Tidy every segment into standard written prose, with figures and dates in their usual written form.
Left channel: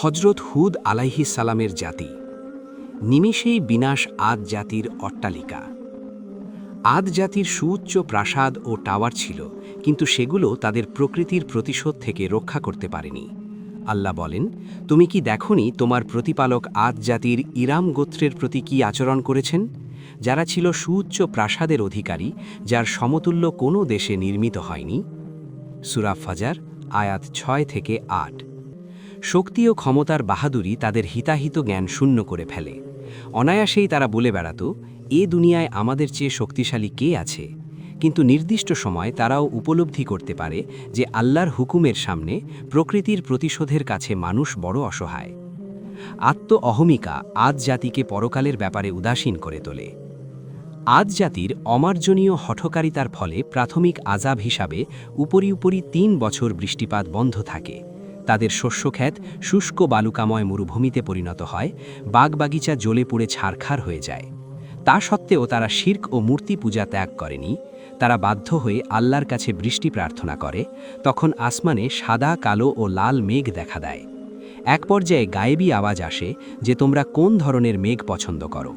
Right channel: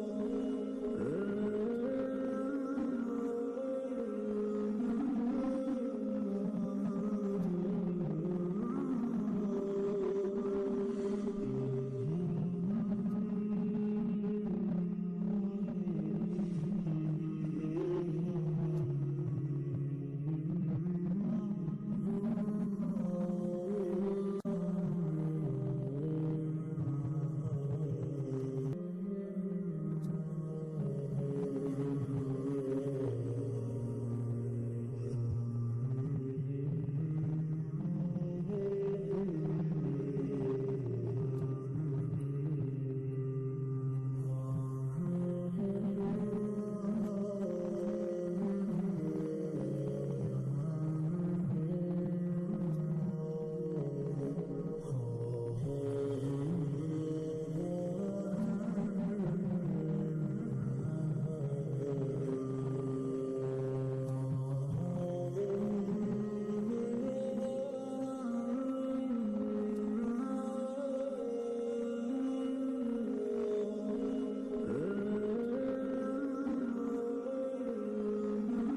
হজরত হুদ আলাইহিস সালামের জাতি। নিমেষেই বিনাশ আদ জাতির অট্টালিকা। আদ জাতির সুউচ্চ প্রাসাদ ও টাওয়ার ছিল, কিন্তু সেগুলো তাদের প্রকৃতির প্রতিশোধ থেকে রক্ষা করতে পারেনি। আল্লাহ বলেন, তুমি কি দেখনি তোমার প্রতিপালক আদ জাতির ইরাম গোত্রের প্রতি কি আচরণ করেছেন, যারা ছিল সুউচ্চ প্রাসাদের অধিকারী, যার সমতুল্য কোনো দেশে নির্মিত হয়নি। সূরা ফাজার আয়াত 6-8। শক্তি ও ক্ষমতার বাহাদুরি তাদের হিতাহিত জ্ঞান শূন্য করে ফেলে। অনায়াসেই তারা বলে বেড়াত, এ দুনিয়ায় আমাদের চেয়ে শক্তিশালী কে আছে। কিন্তু নির্দিষ্ট সময় তারাও উপলব্ধি করতে পারে যে আল্লাহর হুকুমের সামনে প্রকৃতির প্রতিশোধের কাছে মানুষ বড় অসহায়। অহমিকা আদ জাতিকে পরকালের ব্যাপারে উদাসীন করে তোলে। আদ জাতির অমার্জনীয় হঠকারিতার ফলে প্রাথমিক আযাব হিসাবে উপরি ৩ বছর বৃষ্টিপাত বন্ধ থাকে। তাদের শস্যক্ষেত শুষ্ক বালুকাময় মরুভূমিতে পরিণত হয়, বাগবাগিচা জ্বলে পুড়ে ছারখার হয়ে যায়। তা সত্ত্বেও তারা শিরক ও মূর্তি পূজা ত্যাগ করেনি। তারা বাধ্য হয়ে আল্লাহর কাছে বৃষ্টি প্রার্থনা করে। তখন আসমানে সাদা, কালো ও লাল মেঘ দেখা দেয়। এক পর্যায়ে গায়েবী আওয়াজ আসে যে তোমরা কোন ধরনের মেঘ পছন্দ করো।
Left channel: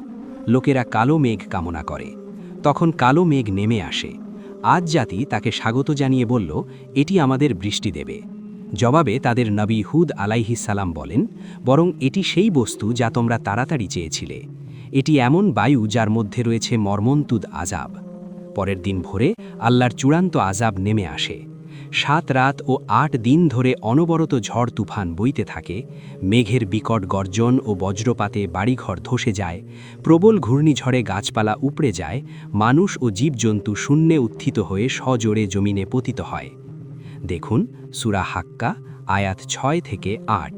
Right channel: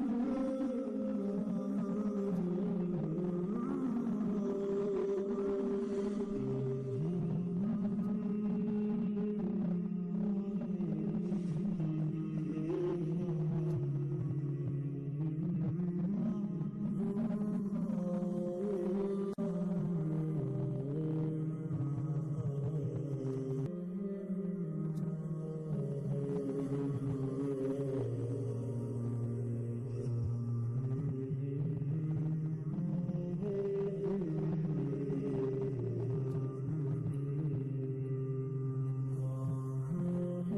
লোকেরা কালো মেঘ কামনা করে। তখন কালো মেঘ নেমে আসে। আদ জাতি তাকে স্বাগত জানিয়ে বলল, এটি আমাদের বৃষ্টি দেবে। জবাবে তাদের নবী হুদ আলাইহিস সালাম বলেন, বরং এটি সেই বস্তু যা তোমরা তাড়াতাড়ি চেয়েছিলে। এটি এমন বায়ু যার মধ্যে রয়েছে মর্মন্তুদ আযাব। পরের দিন ভোরে আল্লাহর চূড়ান্ত আযাব নেমে আসে। ৭ রাত ও ৮ দিন ধরে অনবরত ঝড় তুফান বইতে থাকে। মেঘের বিকট গর্জন ও বজ্রপাতে বাড়িঘর ধসে যায়। প্রবল ঘূর্ণিঝড়ে গাছপালা উপড়ে যায়। মানুষ ও জীবজন্তু শূন্যে উত্থিত হয়ে সজোরে জমিনে পতিত হয়। দেখুন সূরা হাক্কা আয়াত 6-8।